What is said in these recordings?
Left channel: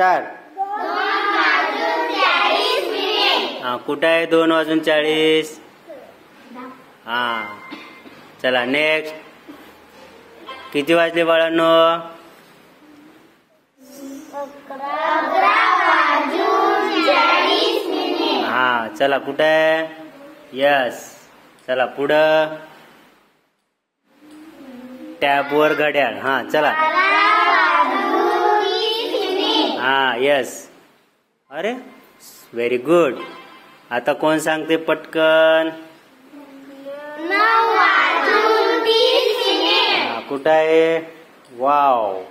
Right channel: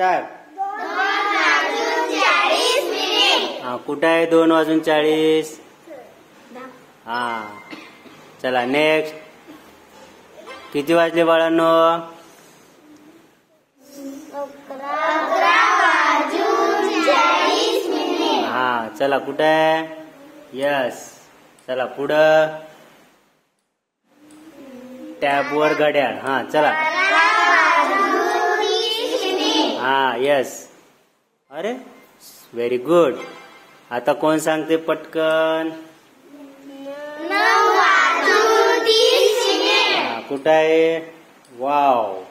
Start. हा कुठं आहे 2:40? हा चला नेक्स्ट. किती वाजले बाळांनो? 11:40. हा चला कुठं आहे? यस. चला पुढं. टॅबवर घड्याळ. हा चला. हा यस. अरे व्हेरी गुड. आता कोण सांगते पटकन? 9:30. कुठं आहे? वाव.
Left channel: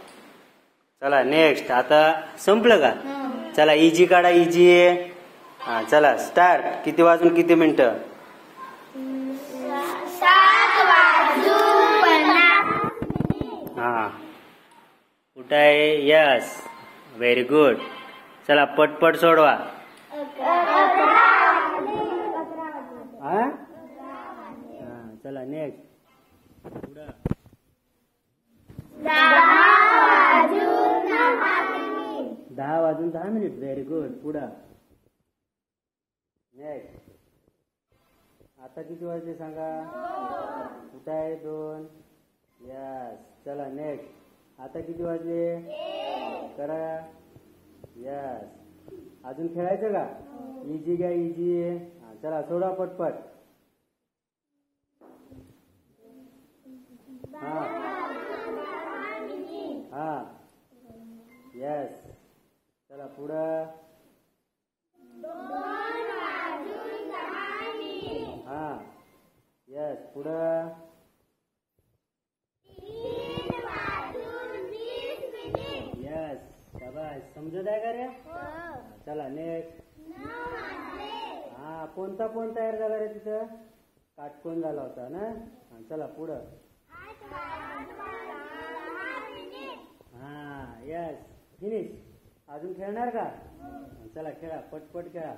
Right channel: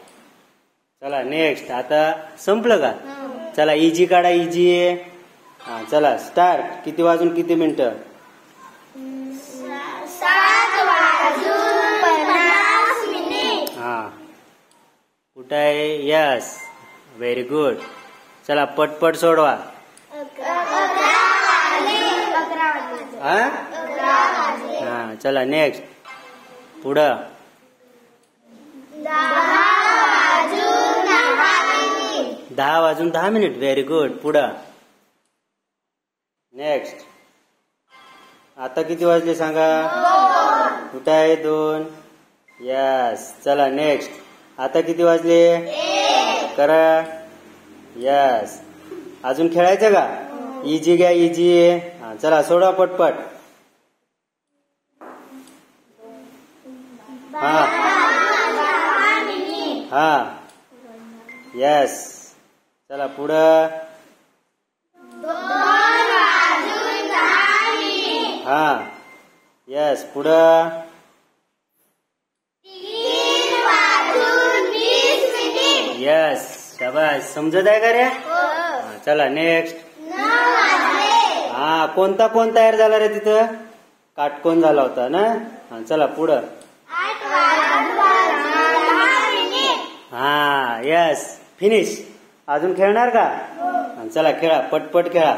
चला नेक्स्ट. आता संपलं का? चला इजी काढा. इजी. हा चला स्टार्ट. किती वाजून किती मिनिटं? 7:50. हा कुठं आहे? Yes very good. चला पटपट सोडवा. 11:00. हा चला नेक्स्ट. पुढं. 10:10. Very good. पुढं. नेक्स्ट. आता किती वाजले सांगा? कुठं आहे? 2. यस. चला नेक्स्ट. आता किती वाजले? करा. यस. अजून खेळायचं का? इजी घ्या. इजी. चला सोडा पटपट. हा हा यस. चला पुढं. 2:10. हा यस. पुढं. 3:20. यस. शाबास. समजत आहे का रे? चला नेक्स्ट. 9 वाजले. हा कोणता कोण तयार झाला रे तिथं? काटकोन झाला होता ना. चला पुढं. 8:10. हा यस. फिनिश. अजून खेळणार का? चला खेळा पटपट खेळा.